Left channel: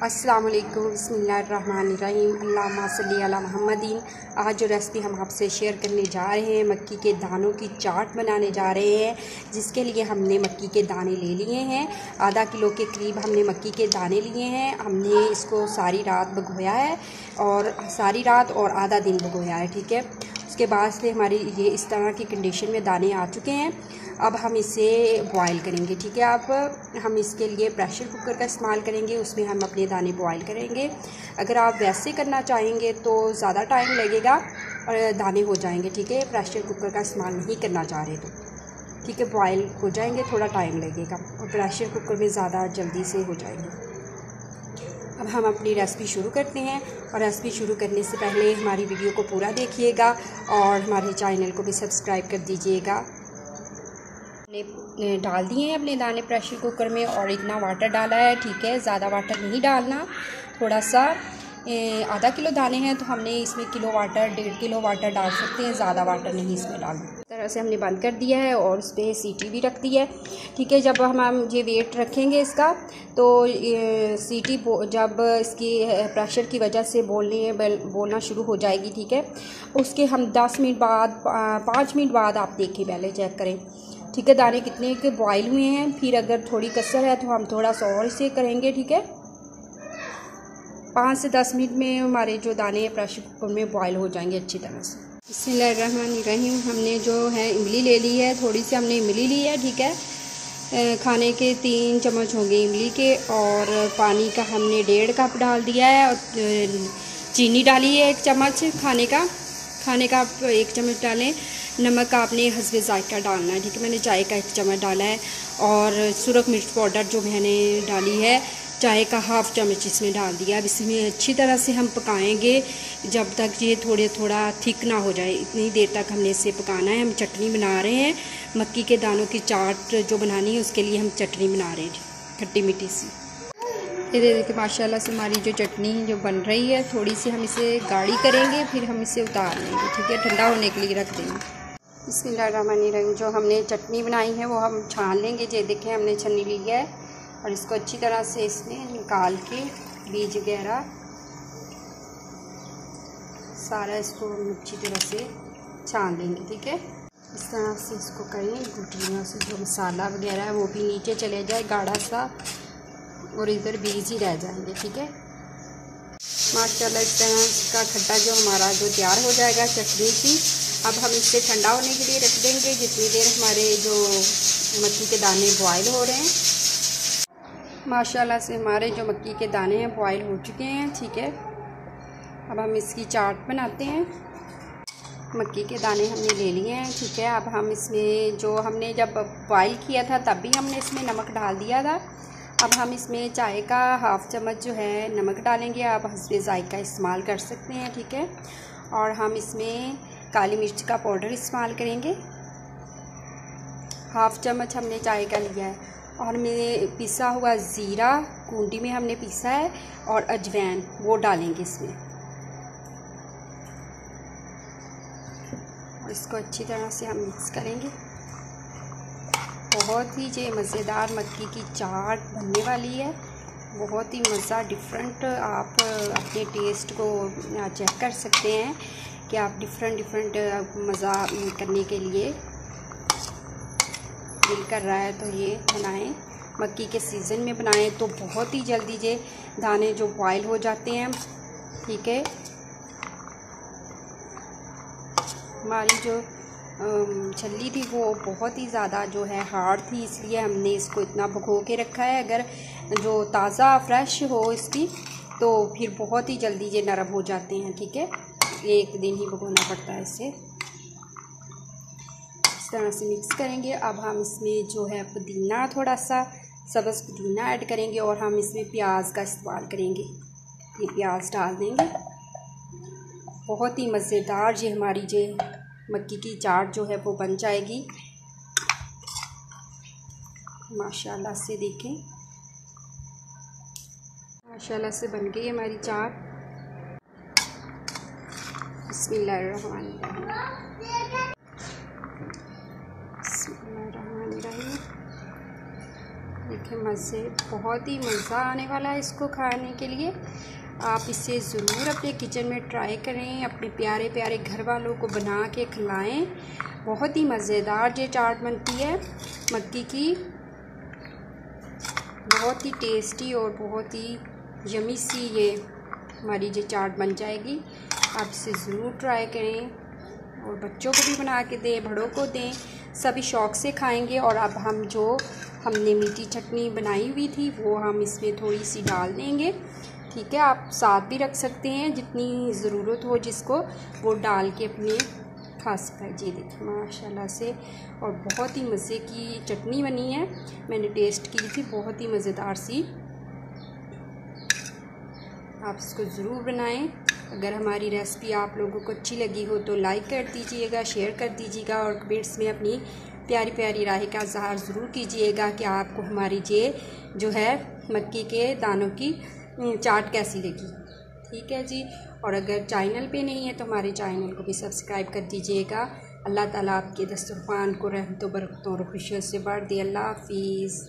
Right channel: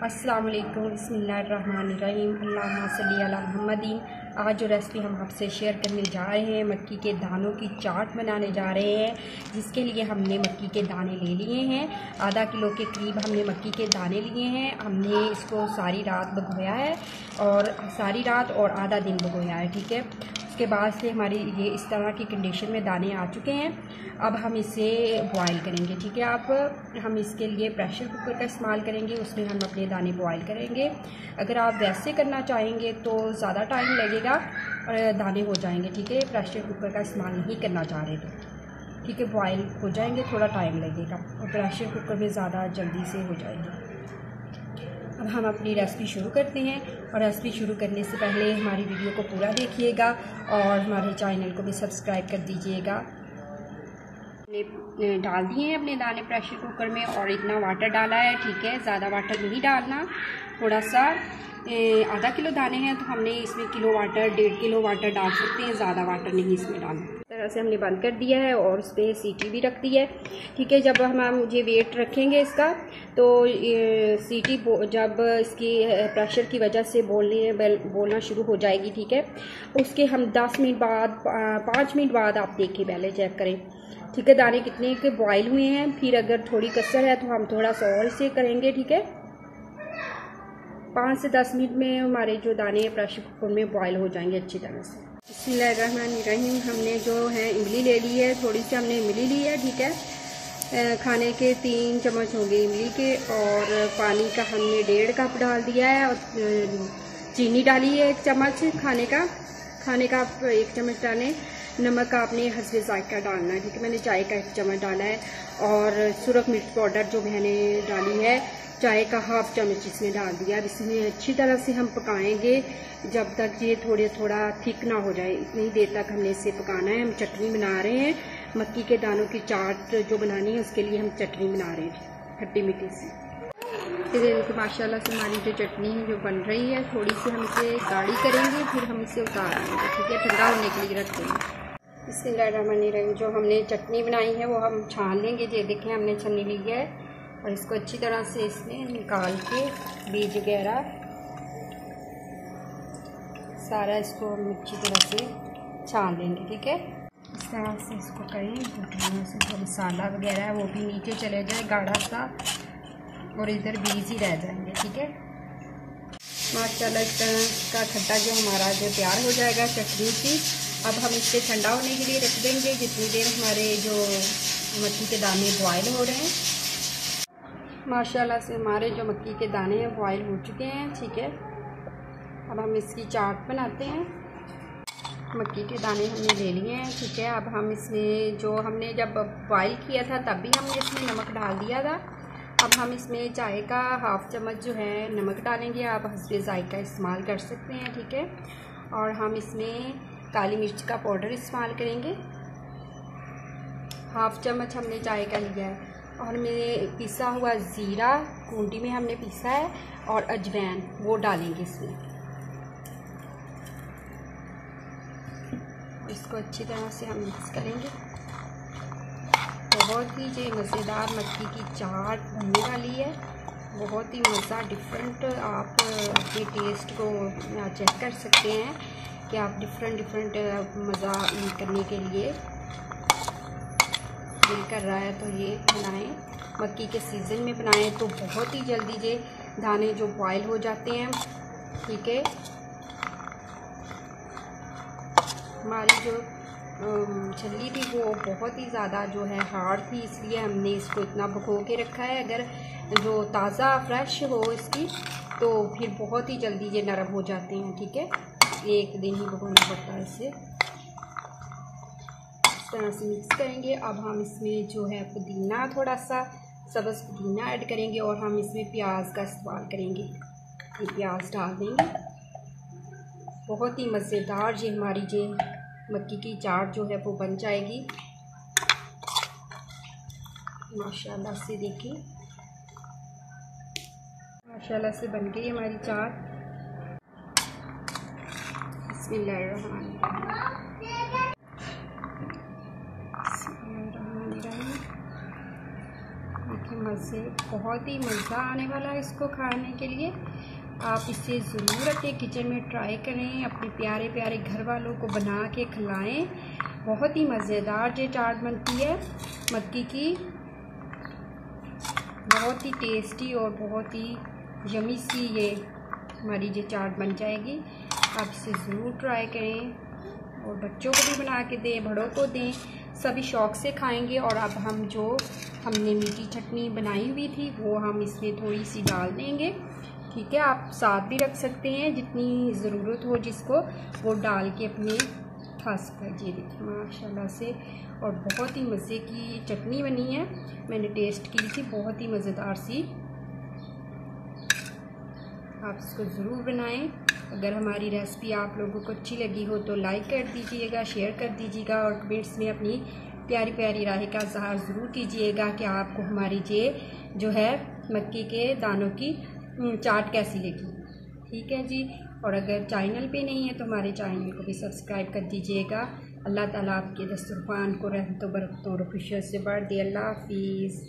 अस्सलाम वालेकुम, बिस्मिल्लाहिर्रहमानिर्रहीम, अल्लाहुम्मा सल्ली अला मुहम्मदीन। आज जो रेसिपी हम आपसे शेयर करने जा रहे हैं, मक्की के दानों की चाट बनाने जा रहे हैं, जिसके लिए हमने मक्की के दाने ले लिए हैं। आधा किलो के करीब हमने मक्की के दाने लिए हैं। हमने इसको सारी रात भिगोया है और सारी रात और आधा दिन भिगोया है, ठीक है। उसके बाद से हमारी ये इस तरह की कंडीशन में दाने आ चुके हैं। अब हम इसे बॉयल करेंगे, ठीक है। अब हम इसके लिए प्रेशर कुकर का इस्तेमाल करेंगे, उसमें हम अपने दाने बॉयल करेंगे। अगर आप वैसे करना चाहेंगे तो ज़्यादा टाइम लगेगा और दाने हो जाएंगे, ठीक है। प्रेशर कुकर का इस्तेमाल नहीं करना चाह रहे तो ठीक है, बॉयल हो जाएंगे, थोड़ा टाइम लगेगा और प्रेशर कुकर में ज़्यादा जल्दी से हो जाएंगे। अब हम अपनी रेसिपी शुरू करते हैं और रेसिपी शुरू करने से पहले हमारी वीडियो को पूरा देखिएगा और हमारे चैनल को भी सब्सक्राइब कर दीजिएगा। हमने डाल दिए हैं अपने दाने प्रेशर कुकर में और इतना वाटर डाला है, ठीक है। ज़्यादा वाटर नहीं डालना, थोड़ा सा। आधा किलो दाने हैं तो हमने इसमें किलो वाटर 1.5 किलो वाटर डाल सकते हैं, ज़्यादा वाटर नहीं इसमें डालना। इस तरह से हमने बंद कर दिया है और उस पर सीटी भी रख दी है, ठीक है। जब हम ये वेट रखेंगे इसका तो सीटी जब इसकी प्रेशर की वजह से बोलना शुरू हो जाएगी, ठीक है। उसके हम 10 मिनट बाद 5 मिनट बाद आप देखें, पहले चेक करें, ठीक है, दाने कितने के बॉयल हुए हैं। फिर अगर थोड़ी कसर है तो हम थोड़ा सा और इसे करेंगे, ठीक है। 5 से 10 मिनट में हमारे जो दाने प्रेशर कुकर में बॉयल हो जाएंगे अच्छी तरह से। बिस्मिल्लाहिर्रहमानिर्रहीम। हमने जो है इमली ले ली है, थोड़ी सी हमने इमली ली है, ठीक है। खाने के 3 चम्मच होंगे इमली के और पानी का हमने 1.5 कप डाल दिया है और चीनी डाली है 1 चम्मच खाने का आप 1 चम्मच डालें। नमक आपने हस्बे जायका डालना है, ठीक है। मैंने चाय का 1 चम्मच डाला है और सुरख मिर्च पाउडर जो मैंने डाली है चाय का 1/2 चम्मच इसमें डाल दिया। अब इसमें अच्छी तरह से हम पकाएंगे जब तक ये थोड़ा थिक ना हो जाए, इतनी देर तक हमने इसे पकाना है। हम चटनी बना रहे हैं, मक्की के दानों की चाट जो बनानी है उसके लिए हम चटनी बना रहे हैं, खट्टी मीठी सी। ये देखिए माशाल्लाह से हमारी जो चटनी जो बन रही है, थोड़ी सी हम इसे गाढ़ी करेंगे, फिर हम इसे उतार लेंगे, ठीक है। ठंडा होने के लिए रख देंगे। बिस्मिल्लाहिर्रहमानिर्रहीम। जो हमने चटनी बनाई है वो हम छान लेंगे। ये देखें हमने छन्नी ली है और इसको अच्छी तरह से इसमें निकाल के बीज वगैरह सारा इसको हम अच्छी तरह से छान लेंगे, ठीक है। इस तरह से इसको करें, गुठलियों से जो मसाला वगैरह है वो भी नीचे चले जाए गाढ़ा सा और इधर बीज ही रह जाएंगे, ठीक है। माशाल्लाह इस तरह का खट्टा जो हमारा जो तैयार हो जाएगा चटनी की। अब हम इसे ठंडा होने के लिए रख देंगे जितनी देर हमारे जो मक्की के दाने बॉयल हो रहे हैं। माशाल्लाह से हमारे जो मक्की के दाने हैं बॉयल हो चुके हैं, ठीक है। अब हम इसकी चाट बनाते हैं। मक्की के दाने हमने ले लिए हैं, ठीक है। अब हम इसमें जो हमने जब बॉयल किया था तब भी हमने इसमें नमक डाल दिया था। अब हम इसमें चाय का 1/2 चम्मच जो है नमक डालेंगे। आप हस्बे जायका इस्तेमाल कर सकते हैं, ठीक है। और हम इसमें काली मिर्च का पाउडर इस्तेमाल करेंगे, 1/2 चम्मच हमने चाय का लिया है। और हमने पिसा हुआ ज़ीरा कूंडी में हमने पीसा है और अजवैन वो डालेंगे इसमें। इसको अच्छी तरह से हम मिक्स करेंगे। बहुत ही जो मज़ेदार मक्की की चाट बनने वाली है, बहुत ही मज़ा डिफरेंट। आप अपने टेस्ट को चेक कर सकते हैं कि आप डिफरेंट मज़ा करने के लिए दिल कर रहा है तो ये बनाएं। मक्की के सीज़न में बनाएं तो बहुत ही जल्दी ये दाने जो बॉयल हो जाते हैं, ठीक है। हमारी जो छल्ली थी वो बहुत ही ज़्यादा जो है हार्ड थी, इसलिए हमने इसको इतना भिगो के रखा है। अगर जो ताज़ा फ्रेश हो इसकी तो फिर बहुत ही जल्दी ये नरम हो जाते हैं, ठीक है। 1 दिन ही भिगोना पड़ता है इसे। इस तरह से मिक्स करेंगे। अब हम इसमें जो है पुदीना, थोड़ा सा सब्ज़ पुदीना ऐड करेंगे और हम इसमें प्याज का इस्तेमाल करेंगे। ये प्याज डाल देंगे। बहुत ही मज़ेदार ये हमारी जो मक्की की चाट जो है वो बन जाएगी। माशाल्लाह से देखें, माशाल्लाह से बन गई हमारी चाट। बिस्मिल्लाहिर्रहमानिर्रहीम। देखिए मज़े, बहुत ही मज़ा आने वाला है इसको खाने के लिए। आप इसे ज़रूर अपने किचन में ट्राई करें, अपने प्यारे प्यारे घर वालों को बना के खिलाएं। बहुत ही मज़ेदार ये चाट बनती है मक्की की, बहुत ही टेस्टी और बहुत ही यमी सी ये हमारी ये चाट बन जाएगी। आप इसे ज़रूर ट्राई करें और बच्चों को भी बना के दें, बड़ों को दें, सभी शौक़ से खाएंगे। और अब हम जो हमने मीठी चटनी बनाई हुई थी वो हम इसमें थोड़ी सी डाल देंगे, ठीक है। आप साथ भी रख सकते हैं, जितनी ज़रूरत हो जिसको वो डाल के अपने खा सकता है। जी देखिए माशाल्लाह से, और बहुत ही मज़े की चटनी बनी है, मैंने टेस्ट की थी, बहुत ही मज़ेदार सी। आप इसको ज़रूर बनाएं। अगर हमारी रेसिपी आप लोगों को अच्छी लगी हो तो लाइक कर दीजिएगा, शेयर कर दीजिएगा और कमेंट्स में अपनी प्यारी प्यारी राय का इज़हार ज़रूर कीजिएगा कि आपको हमारी ये जो है मक्की के दानों की चाट कैसी लगी, ठीक है जी। और अगर चैनल पे नहीं है तो हमारे चैनल को भी सब्सक्राइब कर दीजिएगा। अल्लाह ताला आपके दस्तरखान को रहमतों बरकतों और खुशियों से भर दे। अल्लाह हाफिज़।